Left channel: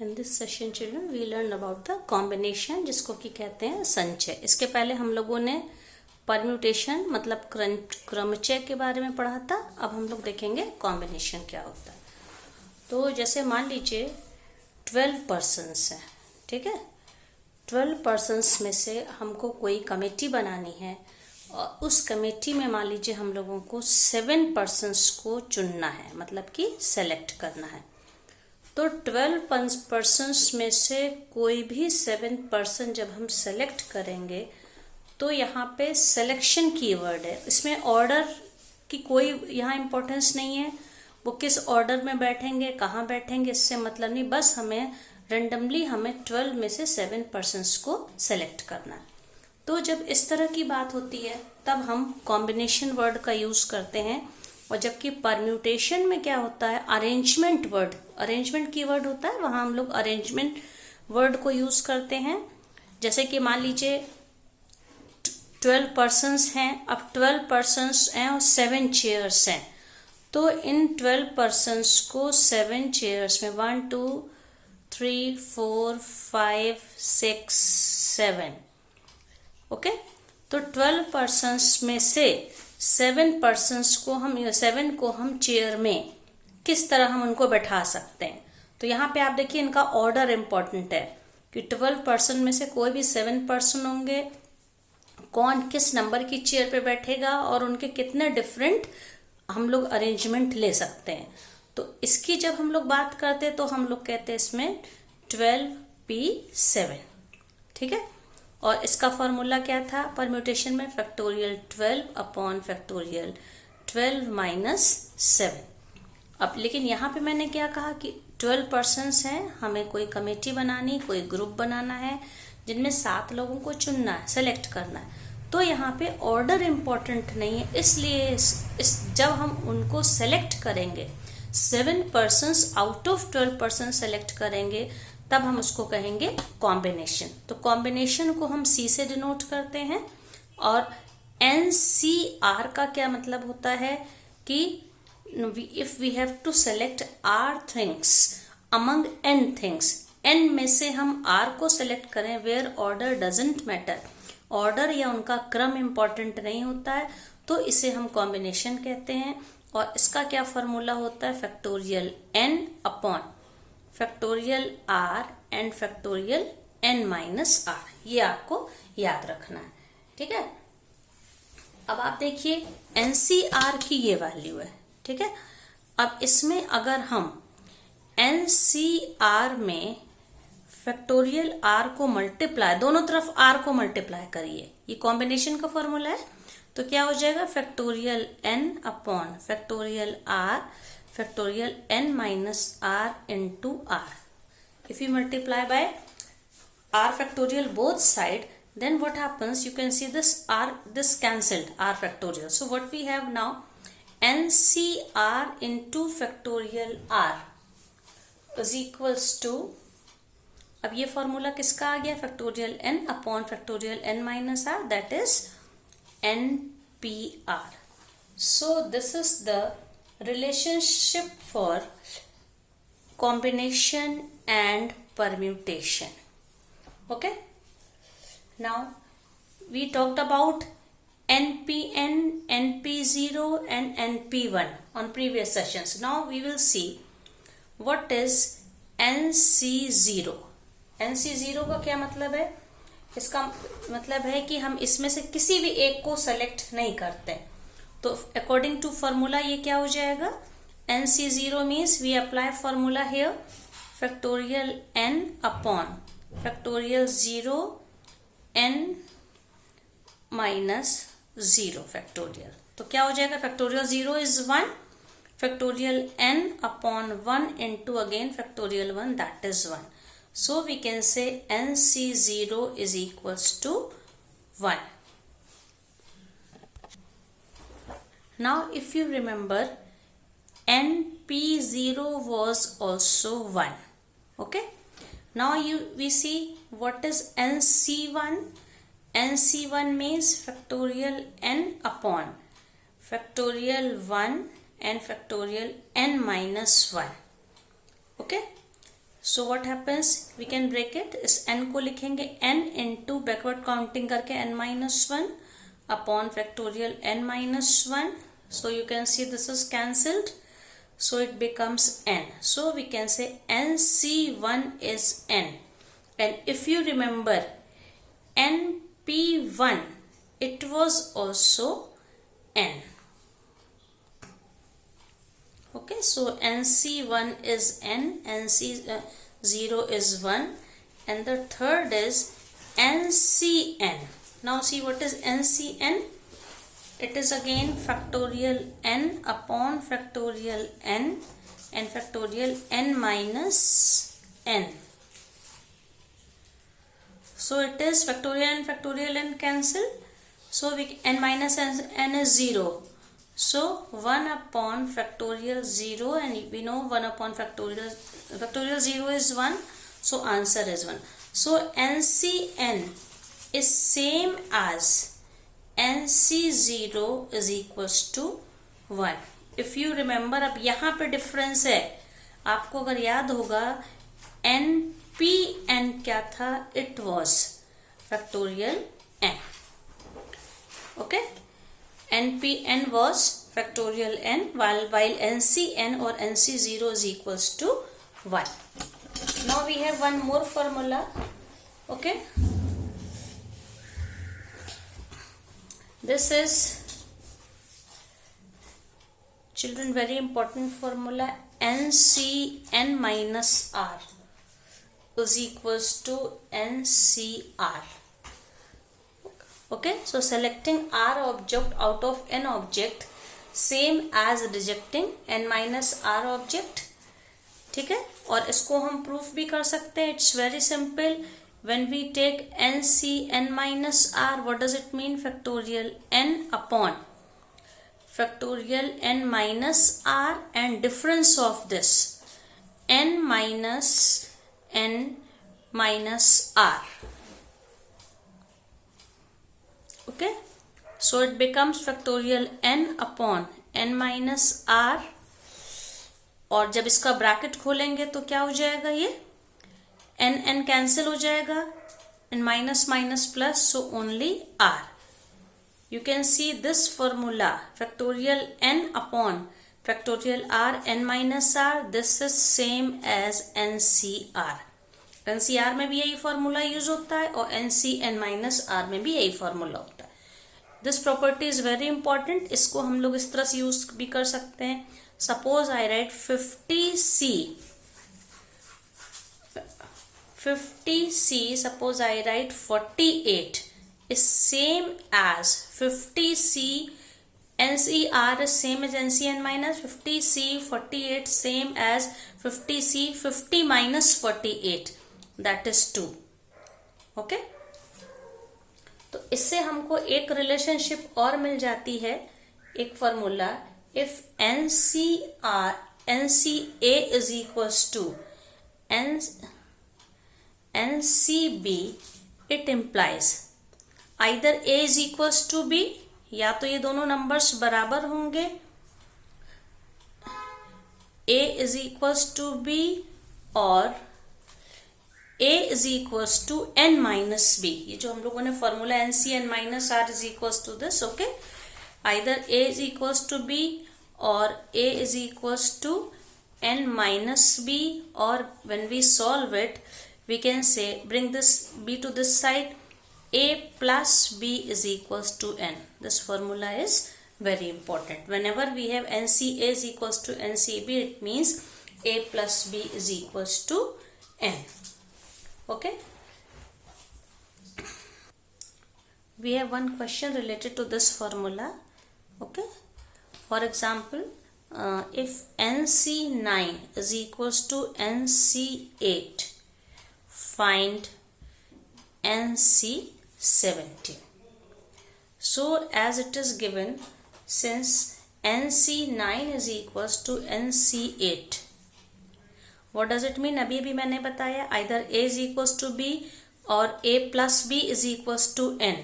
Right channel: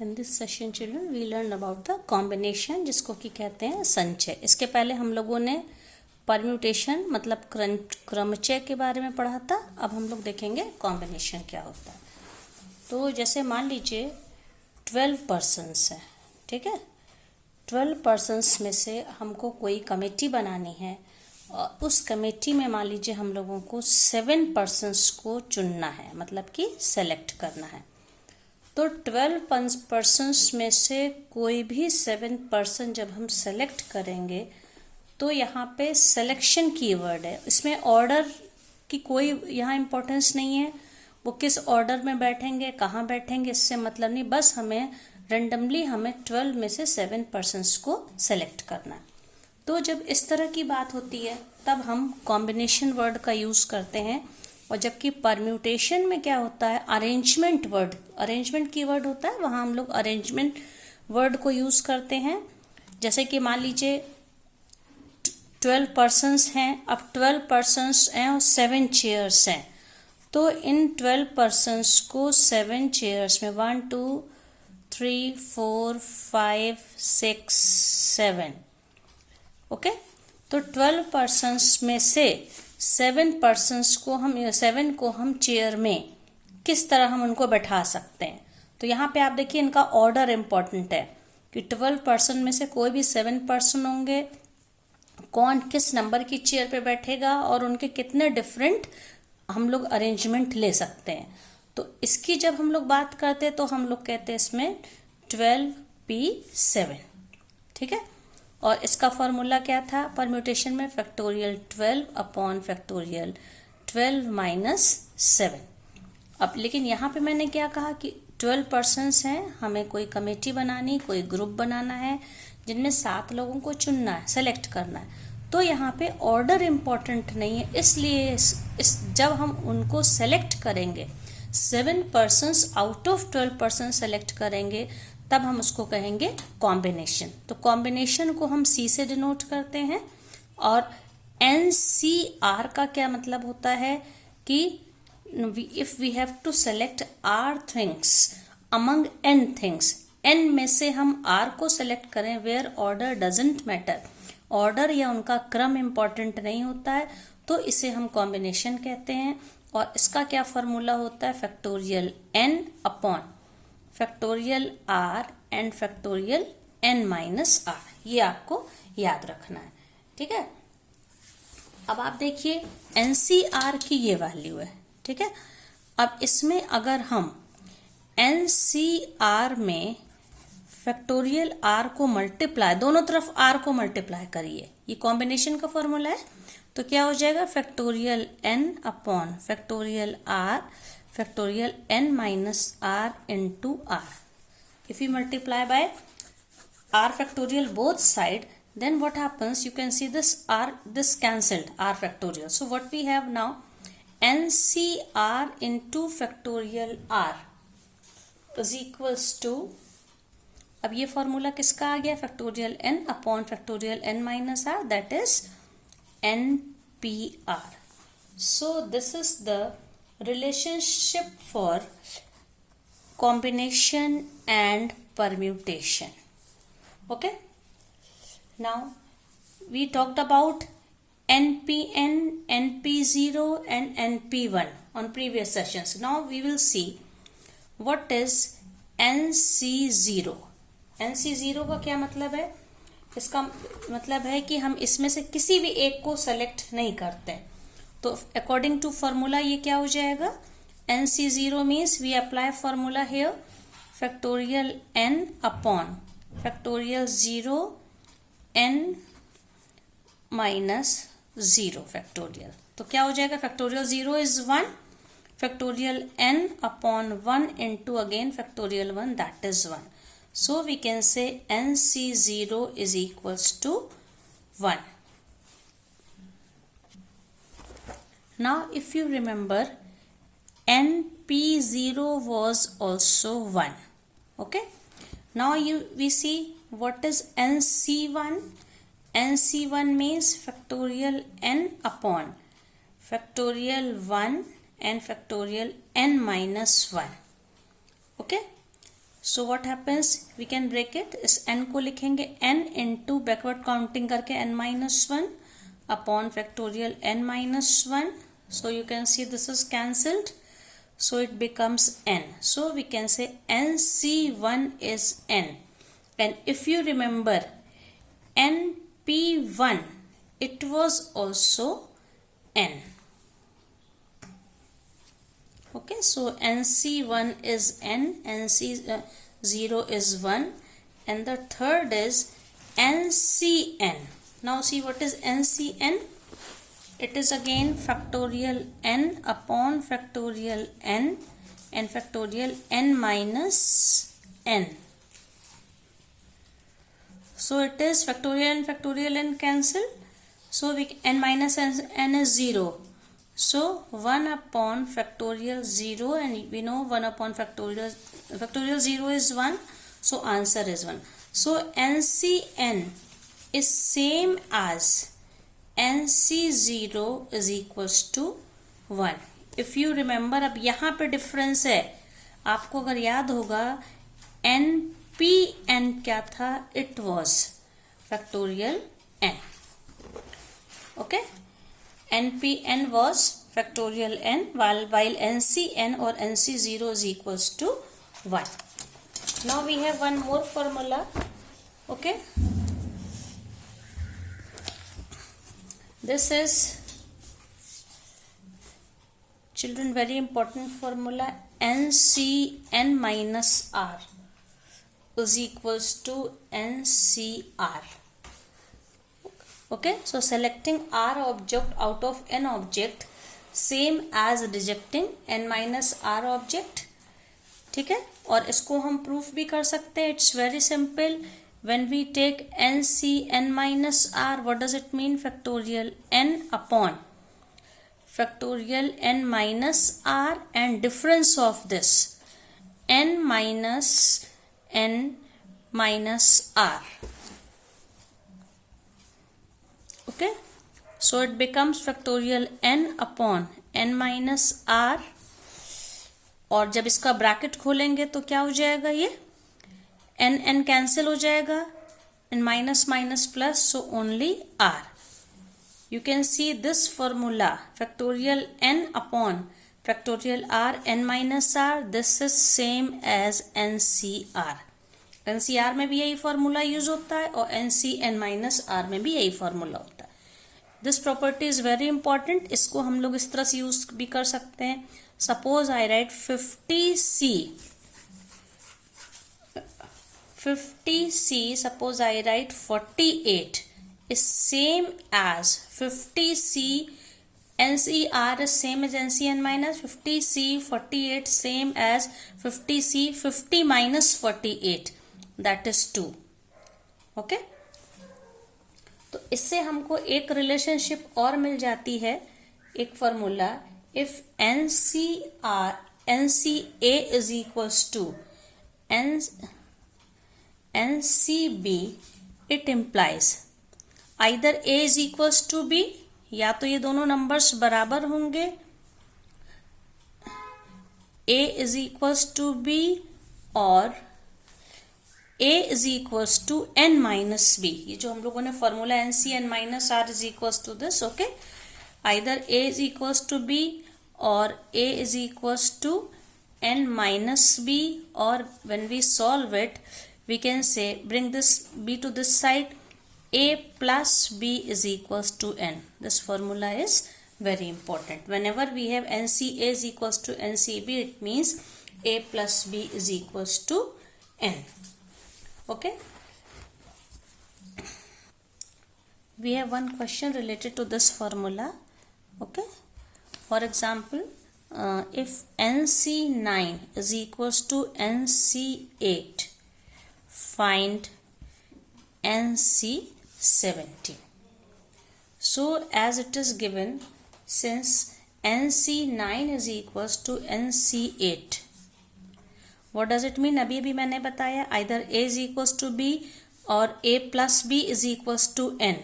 In this session children we learn about the combination जिसको कि कहते हैं संचय। इसके पहले हम लोगों ने परम्यूटेशन मतलब क्रमचय के बारे में पढ़ा था। अब हम लोग देखेंगे कॉम्बिनेशन क्या होता है। तो जैसे मान लीजिए 12 पर्सन्स है, ठीक है। 12 पर्सन्स में से हमको कोई कमेटी बनानी है और उस कमेटी में मान लीजिए हम लोगों को 7 पर्सन्स को चुनना है, मतलब कि सेलेक्ट करना है। तो 12 पर्सन्स में से कोई भी 7 पर्सन जब हम सेलेक्ट करेंगे तो यहाँ पे सिलेक्शन कीवर्ड है। इसमें ऑर्डर की कोई यहाँ इम्पोर्टेंस नहीं है, वो किस ऑर्डर में बैठेंगे, कहाँ बैठेंगे, इससे मतलब नहीं। बस हमें रेंडमली 12 में से 7 पर्सन्स को सेलेक्ट करना है। तो जब इस तरह की बात होती है तब हम कॉम्बिनेशन वर्ड का यूज करते हैं। और जबकि परम्यूटेशन में क्या होता है, अरेंजमेंट वर्ड, अरेंजमेंट की वर्ड होता है, वहां हम लोग अरेंजमेंट वर्ड को यूज करते हैं। जैसे कि मान लीजिए 12 पर्सन्स हैं, अब 12 पर्सन्स हैं और 7 चेयर्स हैं। तो इन 12 पर्सन्स को 7 चेयर्स में 1 2 3 4 5 6 7, ओके। तो 12 पर्सन्स में से 7 पर्सन्स को हम चेयर में किस तरह हम उनको बैठा सकते हैं। तो यहाँ पे आप देखिए इनका ऑर्डर इंपॉर्टेंट है कि 12 पर्सन में से कोई भी 7 पर्सन होंगे, कौन किस नंबर की चेयर पे बैठेगा और उनके कितने डिफरेंट हम लोग अरेंजमेंट ले सकते हैं। तो इसकी जब हम लोग बात करते हैं तो हम लोग कहते हैं इसमें 12p7, ठीक है। और इसका फॉर्मूला क्या था परम्यूटेशन में, फैक्टोरियल 12 अपॉन फैक्टोरियल 12 माइनस 7। अब लेकिन यहाँ पे मैंने क्या कहा कि 12 पर्सन्स हैं, हमें कोई कमेटी बनानी, कोई ग्रुप बनाना है जिनमें 7 लोगों को चुनना है, सेलेक्ट करना है। तो यहाँ पे ऑर्डर इम्पोर्टेंट नहीं है, इसलिए जब हम उनको सेलेक्ट करेंगे 7 persons out of 12 person select करेंगे तब हम उसको कहेंगे कॉम्बिनेशन। तो कॉम्बिनेशन को हम सी से डिनोट करते हैं। और NCR का क्या मतलब होता है कि if we have to select R things among N things, N में से हम R को सेलेक्ट करें where order doesn't matter, order या उनका क्रम इंपॉर्टेंट नहीं होता है, तो इसे हम कॉम्बिनेशन कहते हैं। और इसका क्या फॉर्मूला होता है, factorial N upon factorial R and factorial N minus R। ये आपको याद रखना है, ठीक है। अब आप देखिए NCR की ये वैल्यू है, ठीक है। अब इसमें अगर हम NCR में फैक्टोरियल R को मल्टीप्लाई, दोनों तरफ R को मल्टीप्लाई करिए, ये कॉम्बिनेशन का फॉर्मूला है। तो क्या हो जाएगा, factorial N upon factorial R factorial N minus R into R. If you multiply by R factorial both side, then what happens, you can see this R, this cancelled, R factorial. So what we have now, NCR into factorial R is equals to, अब ये formula किसका आ गया, factorial N upon factorial N minus R, that is NPR. So this is the relationship for combination and permutation, okay. Now we talked about NPN, NP0 and NP1 on previous sessions. Now we will see what is NC0. NC0 का क्या मतलब है, इसका मतलब है कि हम इसमें से किसी भी एक को सेलेक्ट नहीं करते। तो अकॉर्डिंग टू फॉर्मूला ये क्या हो जाएगा, NC0 means we apply formula here, factorial N upon factorial 0 N minus 0 factorial. तो क्या हो जाएगा, factorial 0 is 1, factorial N upon 1 into again factorial 1, that is 1. So we can say NC0 is equals to 1. Now if you remember, NP0 was also 1, okay. Now we see what is NC1. NC1 means factorial N upon factorial 1 and factorial N minus 1, okay. So what happens, we can break it, इस n को लिखेंगे n into backward counting करके n-1 upon factorial n-1. So you can see this is cancelled, so it becomes n. So we can say nc1 is n, and if you remember np1, it was also n. Okay, so nc1 is n, nc0 is 1, and the third is ncn. Now see what is ncn. It is again factorial n upon factorial n and factorial n minus n. So it is factorial and factorial n cancel. So n minus n is 0. So 1 upon factorial 0, and we know 1 upon factorial 0 is 1. So answer is 1. So ncn is same as nc0 is equals to 1. If you remember, अब यहाँ पे difference है, आपको अगर याद होगा npn क्या था, it was factorial n. Okay, npn was factorial n while ncn or nc0 is equals to 1. Now we have one more formula. Okay, this is, children, very important formula. ncn minus r is equals to ncr. Okay, so selecting r object out of n object same as rejecting n minus r object. ठीक है, और इसको हम proof भी कर सकते हैं. It's very simple. When we take ncn minus r, what does it mean? Factorial n upon factorial n minus r, and difference of this n minus n minus r. Okay, so it becomes factorial n upon n minus r, और जब इसका bracket खोलेंगे तो क्या हो जाएगा, ये n cancel हो जाएगा, and minus minus plus, so only r. You can see this formula, factorial n upon factorial r n minus r, this is same as ncr. ncr में भी यही फॉर्मूला यूज होता है और ncn minus r में भी यही formula होता है. This property is very important. इसको हम लोग इस तरह से यूज भी कर सकते हैं. Suppose I right 50c, suppose I write 48 is same as 50c, NCR is same as NCN minus 50c, 48 same as 50c, 50 minus 48, that is 2. Okay, तो इससे हमको एक रिलेशनशिप और मिल जाती है, एक formula. If NCA is equals to NCB, it implies either A is equals to B, या तो ये दोनों नंबर्स बराबर होंगे, A is equals to B, और A is equals to N minus B. ये जो हम लोगों ने formula NCN minus R is equals to this. Okay, either A is equals to B or A is equals to N minus B, or when we solve it, we can say bring this b to this side, a plus b is equals to n. This formula is very important. Whenever we have NCA is equals to NCB, it means a plus b is equals to n. Okay, we have one question related to this formula. Okay, for example, if NC9 is equals to NC8, find NC17. So as it is given, since NC9 is equals to NC8, what does it mean? अभी अभी मैंने बताया, either A is equals to B और A plus B is equals to N.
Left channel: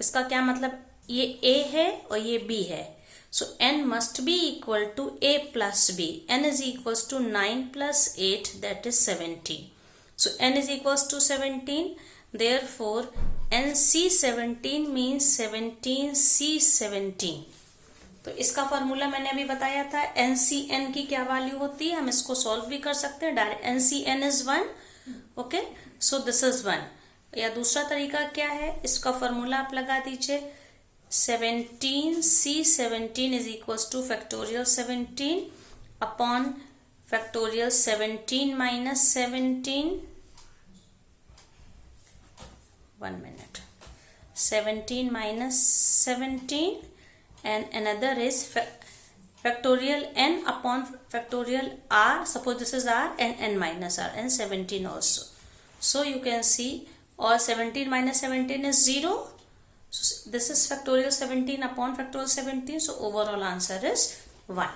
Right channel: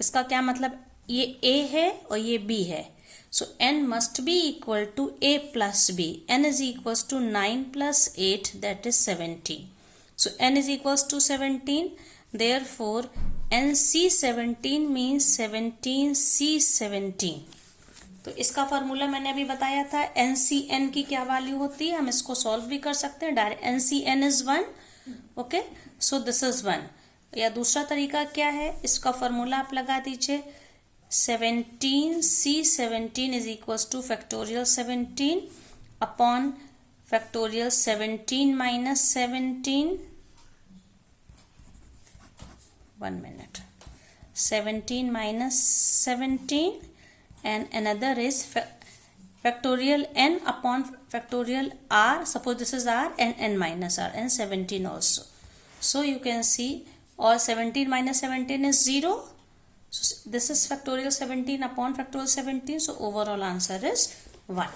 इसका क्या मतलब, ये A है और ये B है, So n must be equal to a plus b. N is equals to 9 plus 8, that is 17. So n is equals to 17. Therefore, NC17 means 17C17. तो इसका फॉर्मूला मैंने अभी बताया था. NCN की क्या वैल्यू होती है, हम इसको सॉल्व भी कर सकते हैं direct. NCN is 1. Okay, so this is 1. या दूसरा तरीका क्या है, इसका फॉर्मूला आप लगा दीजिए. 17C17 is equals two factorial 17 upon factorial 17 minus 17. 1 minute. 17 minus 17 and another is factorial n upon factorial r. Suppose this is r and n minus r and 17 also. So you can see all 17 minus 17 is 0. So this is factorial 17 upon factorial 17. So overall answer is 1.